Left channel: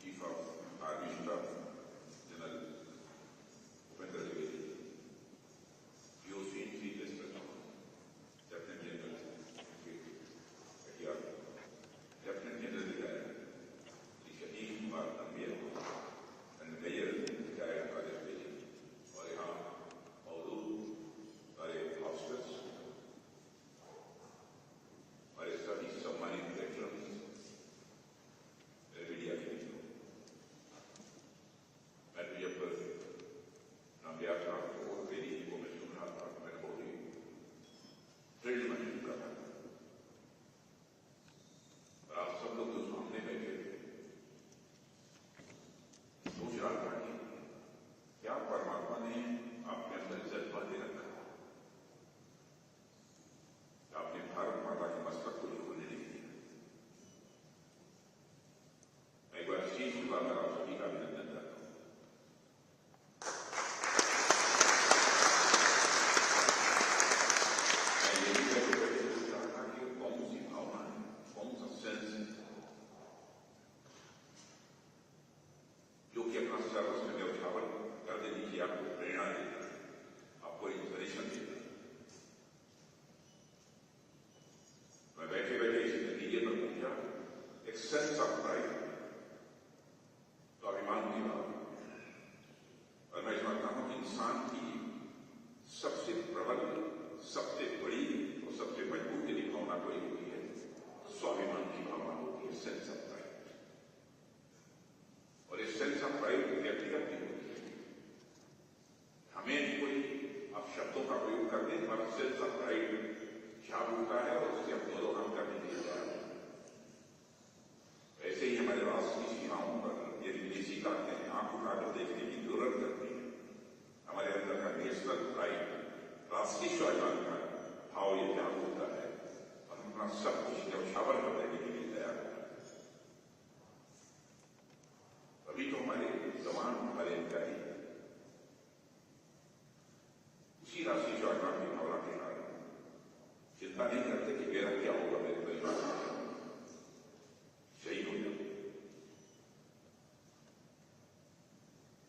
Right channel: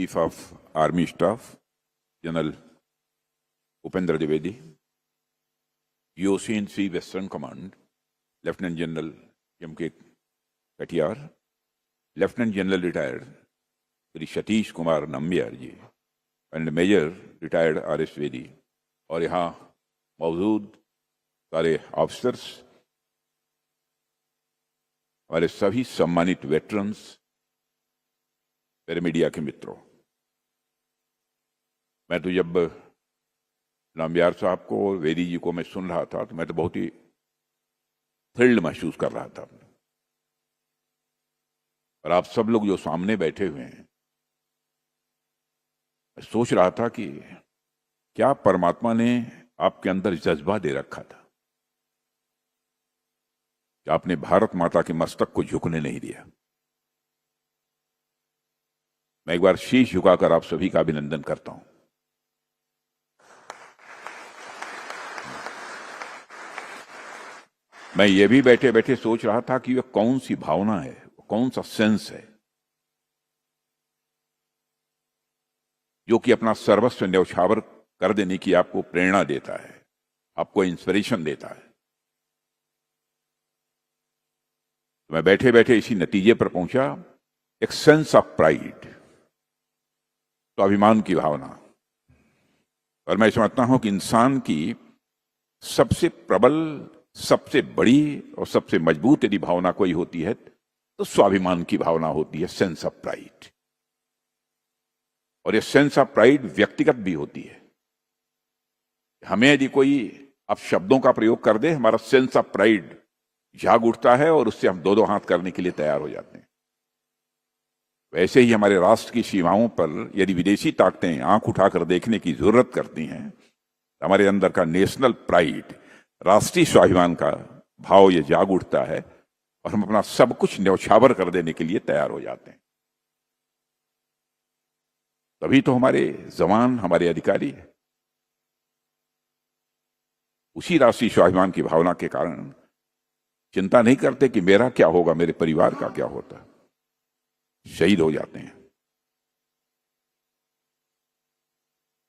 Chief of Army Staff, General Upendra Dwivedi, GOC&C Western Command, Lieutenant General M.K. Katiyar, Lieutenant General Retired Sri Satish Kumar Nambiar ji and major retired R.S. Vedi और यहाँ मौजूद सारे officers, हमारे सभी सम्मानित veterans, मेरे media के मित्रों, मैं तो जब नाम्बियार साहब को और वेदी जी को मैं सुन रहा था तो मैं तो बहुत ही थ्रिल्ड महसूस कर रहा था। और आप सब लोग जो सामने बैठे हुए हैं, मैं सोच रहा था कि क्या परमात्मा ने आपके अंदर जज्बा दे रखा था कि आपने भारत माता के मस्तक को झुकने नहीं दिया। मैं एक बार शीश झुकाकर आप सभी का अभिनंदन करता हूं। मैं ये भी बैठे बैठे सोच रहा था कि यह कौन सी भावना है, कौन सा सेंस है जो कि अपना सर्वस्व न्यौछावर कर देने की आपको प्रेरणा देता है, आपको इंस्पिरेशन देता है। मैं बैठे बैठे इसी नतीजे पर पहुंचा, एक सेंस ऑफ प्राइड, स्वाभिमान की भावना। और मैं समझता हूं कि इंसान की सबसे प्रबल, सबसे बड़ी और सबसे मजबूत यदि भावना कोई होती है तो स्वाभिमान की भावना होती है, सेंस ऑफ प्राइड। और ये सेंस ऑफ प्राइड व्यक्तिगत भी होती है। हमें यदि कोई अब शब्दों का प्रयोग कर दे, हमारा सेंस ऑफ प्राइड जाग उठता है और उससे हम दो दो हाथ करने के लिए तैयार हो जाते हैं। वैसे ही हमारे राष्ट्र की सीमाओं पर यदि विदेशी ताकतें आंख उठाकर देखने की जरूरत करती हैं, हमारे अंदर का नेशनल प्राइड, राष्ट्रीय स्वाभिमान का भाव ये जाग उठता है और हम अपना सब कुछ न्यौछावर कर देने के लिए तैयार हो जाते हैं। तभी तो हमारे जवान, हमारे अधिकारी उसी राष्ट्रीय स्वाभिमान की भावना के कारण चिंता नहीं करते कि मेरा क्या होगा, मेरे परिवार का क्या होता है, शहीद हो जाते हैं।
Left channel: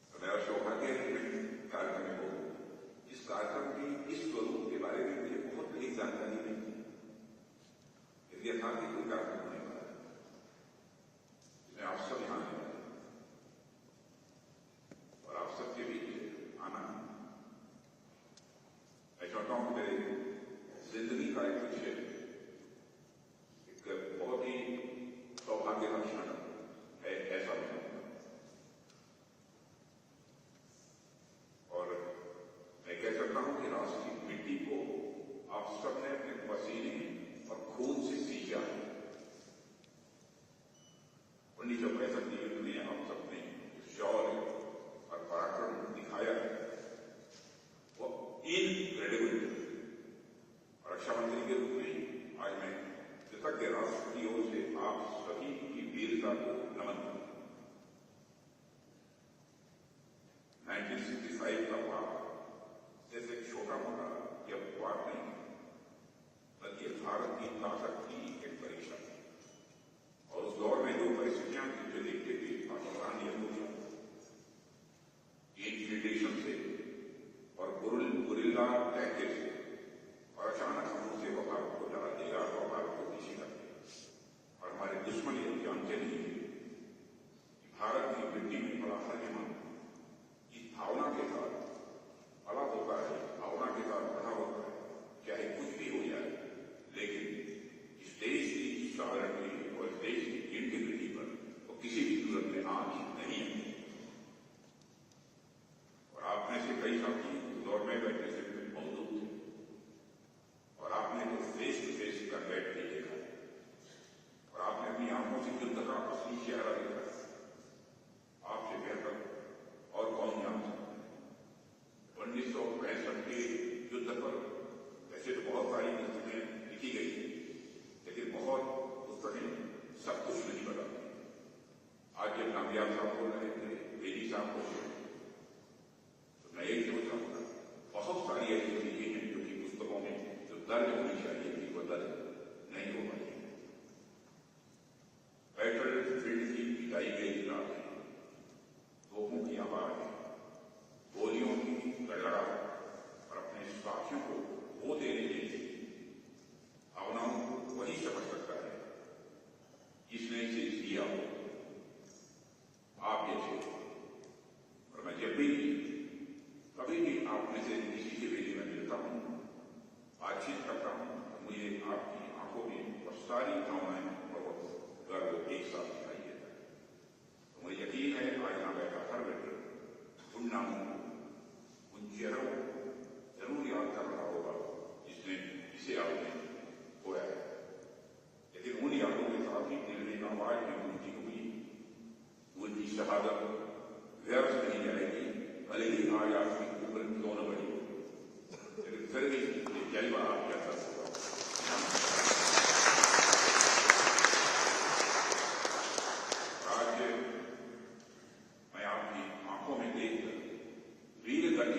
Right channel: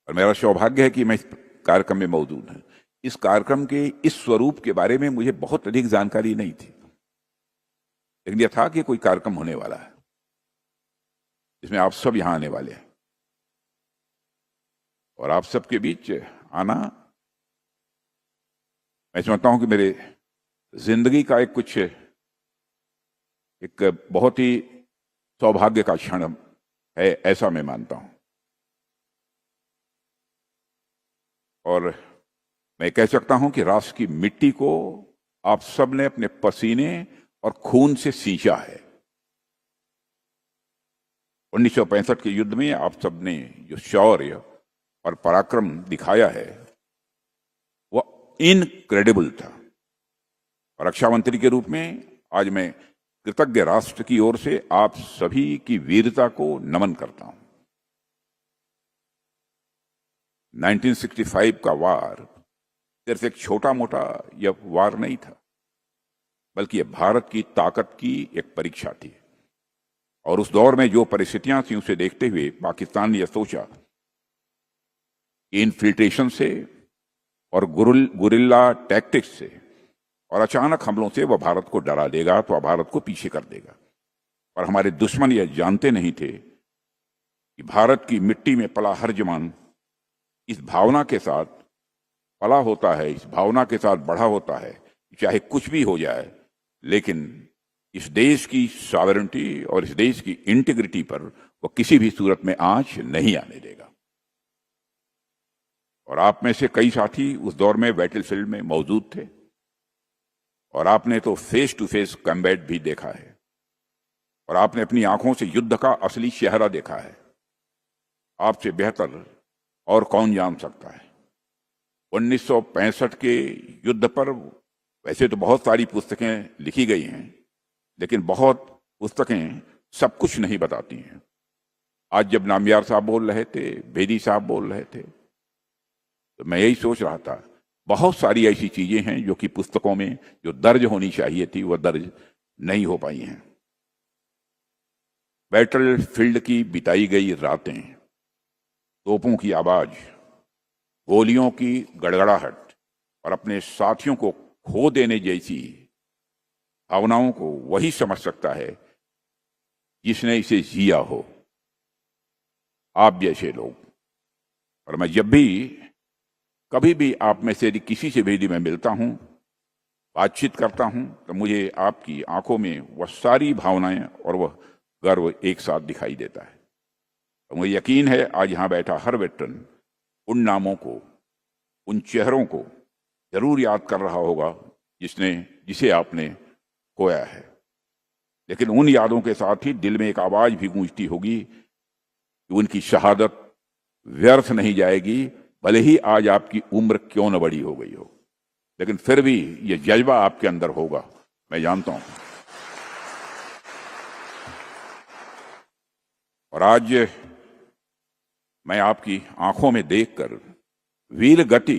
और मेरा सौभाग्य है कि मैं इस कार्यक्रम में मौजूद हूं। इस कार्यक्रम के इस स्वरूप के बारे में मुझे बहुत अधिक जानकारी नहीं थी, लेकिन यह था कि कोई कार्यक्रम होने वाला है जिसमें आप सब यहां आने वाले हैं। और आप सबके बीच आना, मैं समझता हूं कि मेरे जिंदगी का एक बहुत ही सौभाग्य का क्षण है, ऐसा मैं मानता हूं। और मैं कह सकता हूं कि राष्ट्र की मिट्टी को आप सब ने अपने पसीने और खून से सींचा है। 1965 के युद्ध में आप सब ने जो शौर्य और पराक्रम दिखाया है वह इनक्रेडिबल था। और रक्षा मंत्री के रूप में आज मैं कृतज्ञ राष्ट्र की ओर से आप सभी की वीरता को नमन करता हूं। 1965 का वार सिर्फ एक छोटा मोटा यह वार नहीं था, बल्कि यह भारत की ताकत की एक परीक्षा थी। और उस दौर में जो परिस्थितियां थी उसे देखते हुए पाकिस्तान ने यह सोचा, इनफिल्ट्रेशन से और गुरिल्ला टैक्टिक्स से और अचानक हमलों से वह भारत को डरा देगा, तो वह भारत को पीछे कर देगा। और हमारे दुश्मन यह जानते नहीं थे कि भारत की मिट्टी में पला हर जवान इस भावना के साथ पला होता है, इस भावना के साथ बढ़ा होता है, चाहे कुछ भी हो जाए, लेकिन इस देश की सॉवरेनिटी और इस देश की इंटीग्रिटी पर वो किसी भी सूरत में आंच नहीं आने देगा। और आप में से कई साथी उस दौर में बैटलफील्ड में मौजूद थे और आपने तो फेस टू फेस कॉम्बैट भी देखा है और आपने अपनी आंखों से युद्ध का असली चेहरा देखा है। आपसे बेहतर और कौन जान सकता है। 1965 के युद्ध पर वैसे तो बहुत सारी पुस्तकें लिखी गई हैं, लेकिन बहुत पुस्तकें सब कुछ नहीं बताती हैं। आज जब नाम्बियार साहब बोल रहे थे, वेदी साहब बोल रहे थे, तो मैं यही सोच रहा था, बहुत सारी ऐसी चीजें हैं जो कि पुस्तकों में जो दर्ज होनी चाहिए थी वह दर्ज नहीं हो पाई हैं। बैटल फील्ड की बिताई गई रातें, तोपों की आवाज, गोलियों की गड़गड़ाहट और अपने साथियों को खो देने जैसी भावनाओं को वही समझ सकता है जिसने इसे जिया हो, आप जैसे लोग। और मैं जब भी कभी भी आप में से किसी से भी मैं मिलता हूं, बातचीत करता हूं, तो मुझे आपकी आंखों में वह सारी भावनाएं और वह गर्व एक साथ दिखाई देता है। तो मुझे यकीन है आज यहां बैठा हर वेटरन उन नामों को, उन चेहरों को जरूर याद कर रहा होगा जिसे आपने खोया है। लेकिन उन यादों के साथ ही दिल में एक आवाज भी गूंजती होगी कि उनकी शहादत व्यर्थ नहीं जाएगी, भले ही आज आपकी उम्र क्यों न बड़ी हो गई हो, लेकिन फिर भी ये जज्बा आपके अंदर होगा, मैं जानता हूं। और आज मैं आपकी आंखों में देखकर वीर गति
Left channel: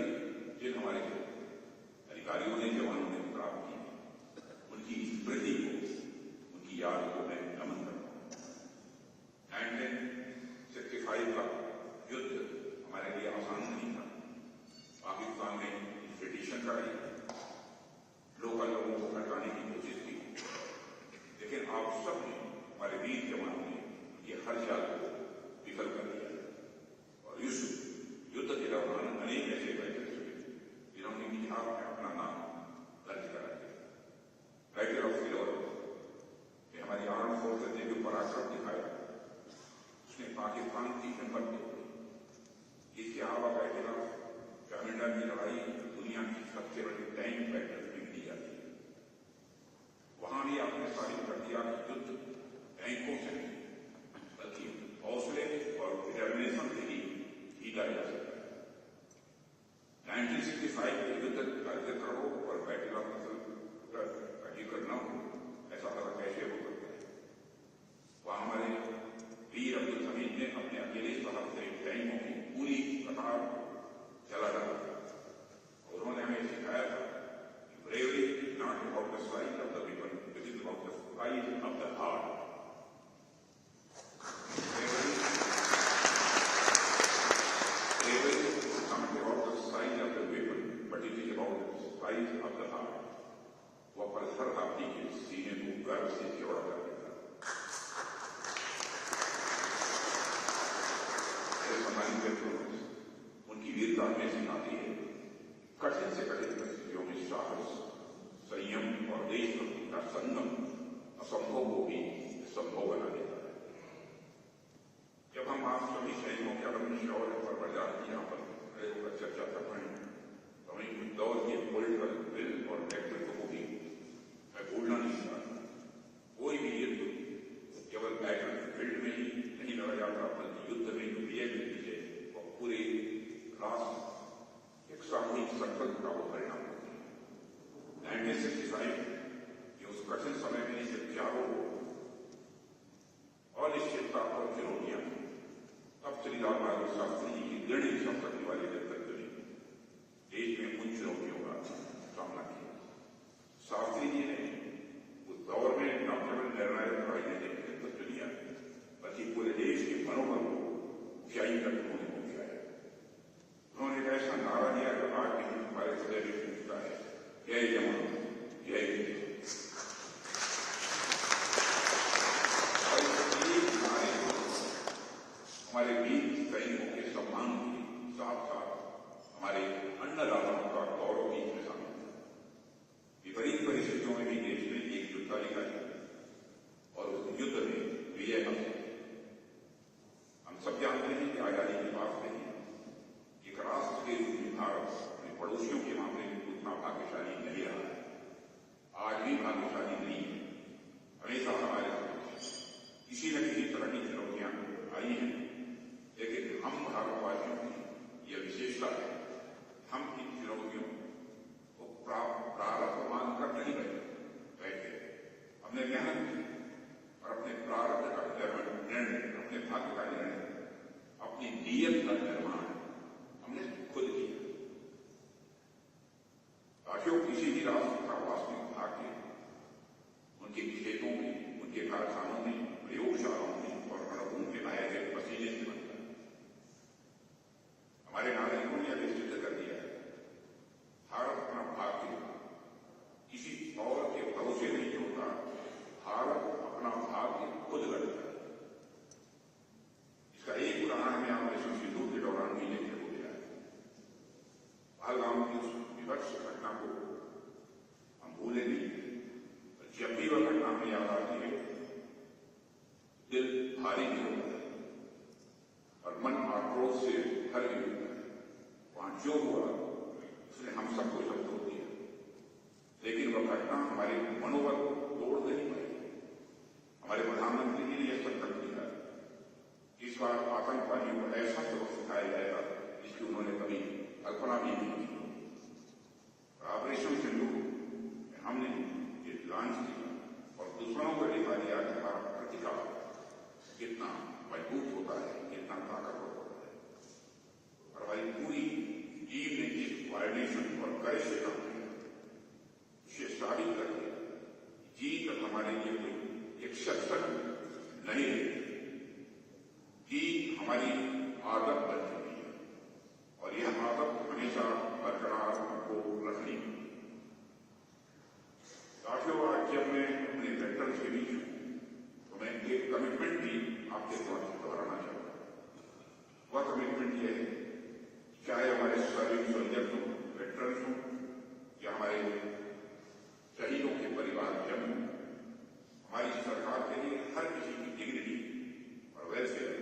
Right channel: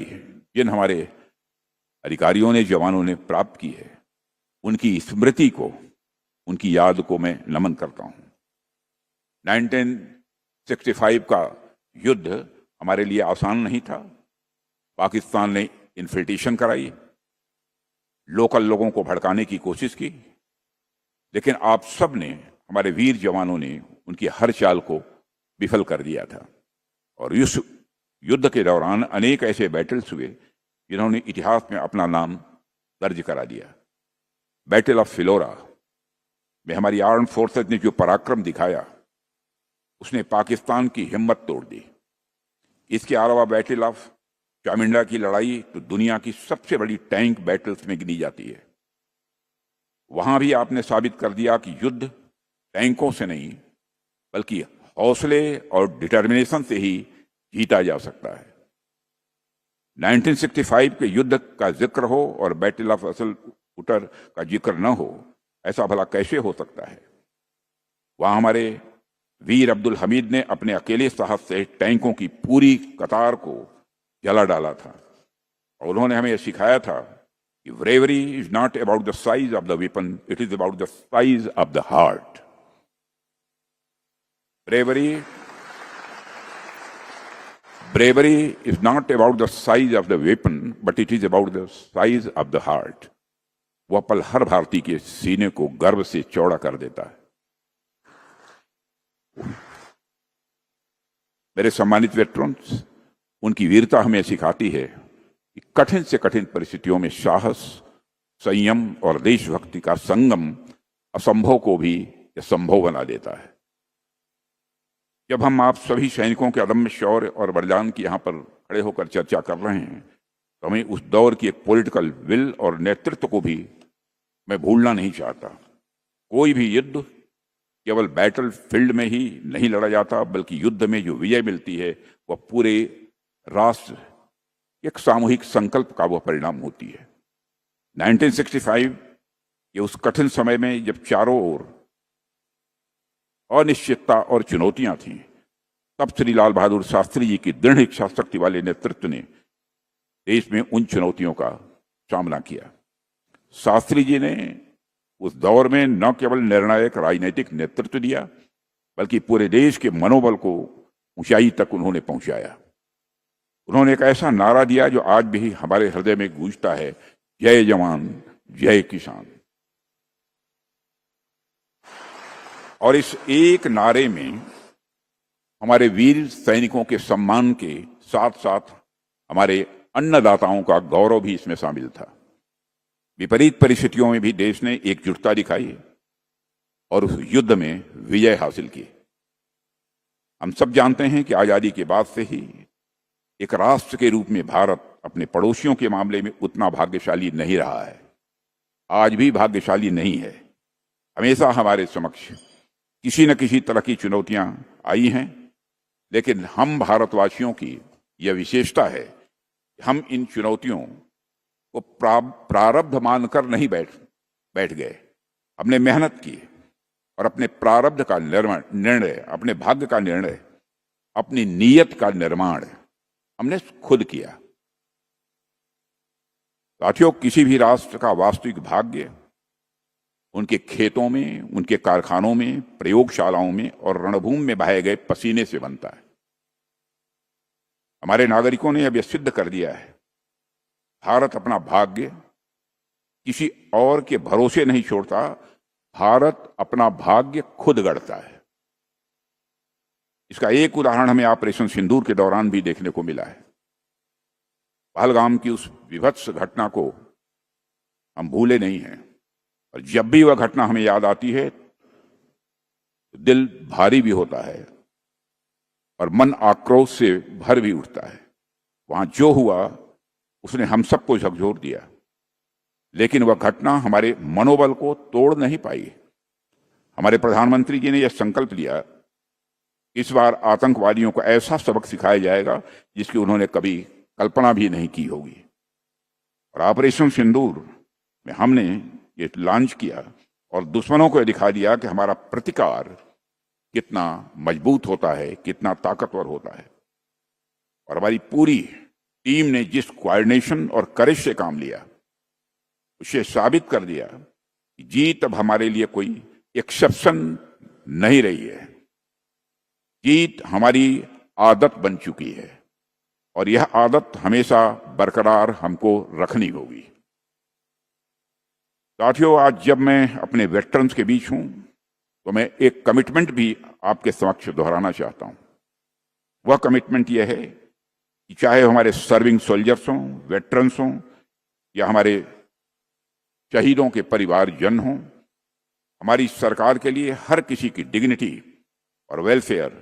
जिन हमारे अधिकारियों ने, जवानों ने प्राप्त की है, उनकी स्मृति को, उनकी याद को मैं नमन करता हूं। 1965 का युद्ध हमारे लिए आसान नहीं था। पाकिस्तान ने इन्फिल्ट्रेशन कराई, लोकल लोगों को भड़काने की कोशिश की, लेकिन आप सब ने, हमारे वीर जवानों ने उनकी हर चाल को विफल कर दिया था। और इस युद्ध के दौरान अनेक ऐसे बैटल्स हुए जिन्होंने इतिहास में अपना नाम दर्ज करा दिया। बैटल ऑफ फिलोरा में हमारी आर्म्ड फोर्सेस ने जो पराक्रम दिखाया, उसने पाकिस्तान की हिम्मत तोड़ दी। इसके अलावा बैटल ऑफ चामिंडा की लड़ाई तो दुनिया की सबसे बड़ी टैंक बैटल्स में गिनी जाती है। वहां भी आपने साबित कर दिया कि युद्ध टैंकों से नहीं, बल्कि हौसले और डिटर्मिनेशन से ही जीता जा सकता है। 1965 के युद्ध का जिक्र हो और बैटल ऑफ असल उटर का जिक्र न हो, ऐसा भला कैसे हो सकता है। वहां हमारे वीर अब्दुल हमीद ने अपने अकेले साहस से टैंकों की पूरी कतार को जला डाला था। और उन्होंने हमें यह सिखाया था कि bravery is not about the size of the weapon, it is about the size of the heart. Bravery is not about the size of the weapon, but it is about the size of the heart. वह पल हर भारतीय के सीने को गर्व से चौड़ा कर देता है। मेरे सम्मानित वेटरन्स, उनकी वीरता हमें सिखाती है कि कठिन से कठिन परिस्थितियों में साहस, संयम और देशभक्ति का संगम असंभव को भी संभव बना देता है। जब हम आप सभी सैनिकों के अदम्य शौर्य और बलिदान की यहाँ पर खड़े होकर चर्चा कर रहे हैं, तो हमें उस दौर की एक पॉलिटिकल विल और नेतृत्व को भी मैं भूलना नहीं चाहता। कोई भी युद्ध केवल बैटल फील्ड में ही नहीं लड़ा जाता, बल्कि युद्ध में जो विजय मिलती है वह पूरे राष्ट्र एक सामूहिक संकल्प का वह परिणाम होती है। 1965 के उस कठिन समय में जब चारों ओर अनिश्चितता और चुनौतियां थीं, तब श्री लाल बहादुर शास्त्री जी की दृढ़ इच्छा शक्ति वाले नेतृत्व ने देश में उन चुनौतियों का सामना किया। शास्त्री जी ने उस दौर में न केवल निर्णायक राजनीतिक नेतृत्व दिया, बल्कि पूरे देश के मनोबल को ऊंचाई तक उन्होंने पहुंचाया। उन्होंने एक ऐसा नारा दिया जो आज भी हमारे हृदय में गूंजता है, जय जवान जय किसान। और इस एक नारे में हमारे वीर सैनिकों के सम्मान के साथ साथ हमारे अन्नदाताओं का गौरव भी इसमें शामिल था। विपरीत परिस्थितियों में भी देश ने एकजुटता दिखाई और उस युद्ध में विजय हासिल की। हम सब जानते हैं कि आज़ादी के बाद से ही एक राष्ट्र के रूप में भारत अपने पड़ोसियों के मामले में उतना भाग्यशाली नहीं रहा है, आज भी भाग्यशाली नहीं है। हमेशा हमारे समक्ष किसी न किसी तरह की चुनौतियां आई हैं, लेकिन हम भारतवासियों की यह विशेषता है, हम इन चुनौतियों को प्रारब्ध मानकर नहीं बैठ गए। हमने मेहनत की और अपने प्रारब्ध का निर्णय, अपने भाग्य का निर्णय, अपनी नीयत का निर्माण हमने खुद किया। साथियों, किसी भी राष्ट्र का वास्तविक भाग्य उनके खेतों में, उनके कारखानों में, प्रयोगशालाओं में और रणभूमि में बहाए गए पसीने से बनता है। हमारे नागरिकों ने अब यह सिद्ध कर दिया है, भारत अपना भाग्य किसी और के भरोसे नहीं छोड़ता, भारत अपना भाग्य खुद गढ़ता है। इसका एक उदाहरण हमें ऑपरेशन सिंदूर के दौरान भी देखने को मिला है। पहलगाम की उस विभत्स घटना को हम भूले नहीं हैं, और जब भी वह घटना हमें याद आती है तो दिल भारी भी होता है और मन आक्रोश से भर भी उठता है। वहां जो हुआ उसने हम सबको झकझोर दिया, लेकिन वह घटना हमारे मनोबल को तोड़ नहीं पाई। हमारे प्रधानमंत्री जी ने यह संकल्प लिया, इस बार आतंकवादियों को ऐसा सबक सिखाया जाएगा जिसकी उन्होंने कभी कल्पना भी नहीं की होगी। और ऑपरेशन सिंदूर में हमने ये लॉन्च किया और दुश्मनों को दिखा दिया कि हमारा प्रतिकार कितना मजबूत होता है, कितना ताकतवर होता है। और हमारी पूरी टीम ने जिस कोऑर्डिनेशन और करेज से काम लिया, उसे साबित कर दिया कि जीत अब हमारे लिए कोई एक्सेप्शन नहीं रही है, जीत हमारी आदत बन चुकी है और यह आदत हमेशा बरकरार हमको रखनी होगी। साथियों, आज जब मैं अपने वेटरन्स के बीच हूं तो मैं एक कमिटमेंट भी आपके समक्ष दोहराना चाहता हूं। वह कमिटमेंट यह है कि चाहे हमारे सर्विंग सोल्जर्स हों, वेटरन्स हों या हमारे शहीदों के परिवारजन हों, हमारी सरकार के लिए हर किसी की डिग्निटी और वेलफेयर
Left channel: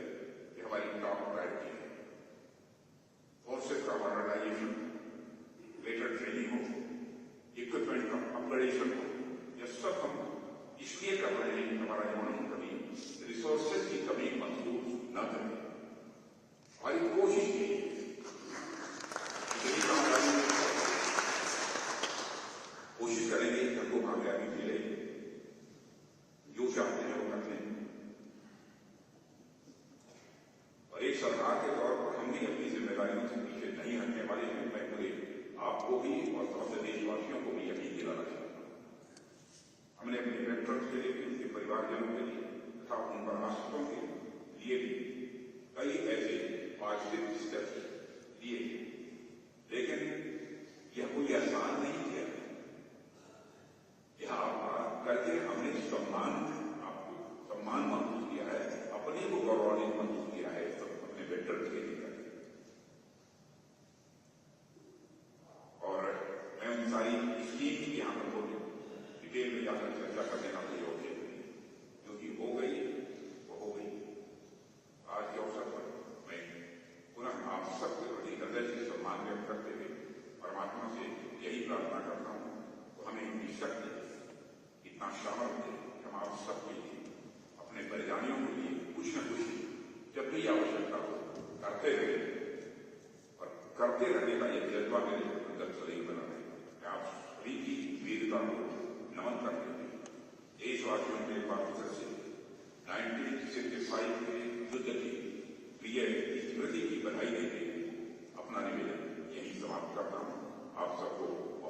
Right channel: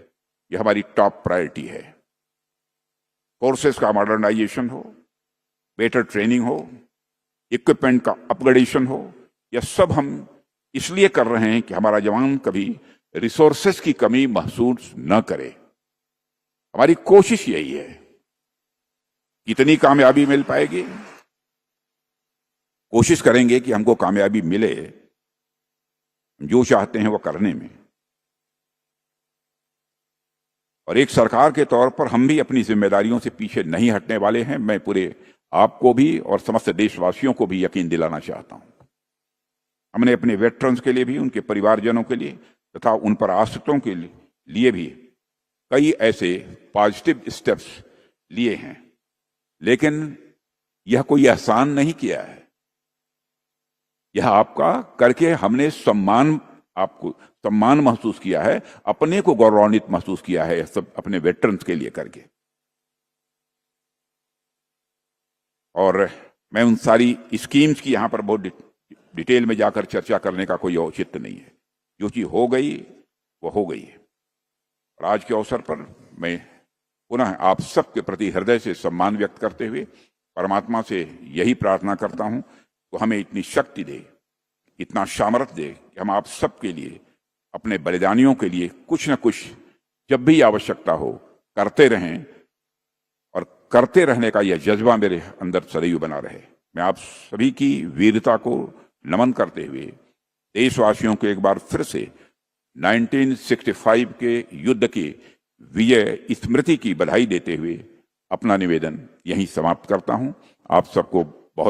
यह हमारी टॉप प्रायोरिटी है। फोर्सेस का मॉडर्नाइजेशन हो, बेटर ट्रेनिंग हो, इक्विपमेंट का अपग्रेडेशन हो, यह सब हम इसलिए कर रहे हैं कि हमारा जवान कभी रिसोर्सेस की कमी महसूस न करे। हमारी कोशिश यही है। कितनी कामयाबी मिल पाएगी, कोशिश करेंगे कि हमको कामयाबी मिले, जो चाहते हैं वो करने में। और एक सरकार के तौर पर हम भी अपनी जिम्मेदारियों से पीछे नहीं हटने वाले हैं। मैं पूरे आपको भी और समस्त देशवासियों को भी यकीन दिलाना चाहता हूं। हमने अपने वेटरन्स के लिए भी, उनके परिवारजनों के लिए तथा उन पर आश्रितों के लिए भी कई ऐसे पॉजिटिव स्टेप्स लिए हैं, लेकिन यह कोई आसान नहीं किया है। यह आपका करके हमने आपको सम्मान महसूस किया है, अपने को गौरवान्वित महसूस किया है, सब अपने वेटरन्स के लिए करके। और मैं उन सारी स्कीम्स की यहां पर बहुत डिटेल में जाकर चर्चा करने का कोई औचित्य नहीं है। जो चीज हो गई वो हो गई है। और आज के अवसर पर मैं पुनः आप सबके प्रति हृदय से सम्मान व्यक्त करते हुए परमात्मा से यही प्रार्थना करता हूं तो हमें इतनी शक्ति दे, इतना सामर्थ्य दे कि हम आप सबके लिए, अपने बलिदानियों के लिए कुछ न कुछ जब भी आवश्यकता हो करते रहें, और करते रहने का यह जज्बा मेरे अंदर सदैव बना रहे। मैं आप सभी की वीरता को नमन करते हुए देशवासियों को एक बार फिर से 1965 के युद्ध की विजय स्मृति की बधाई देते हुए अपना निवेदन यहीं समाप्त करता हूं। आप सबको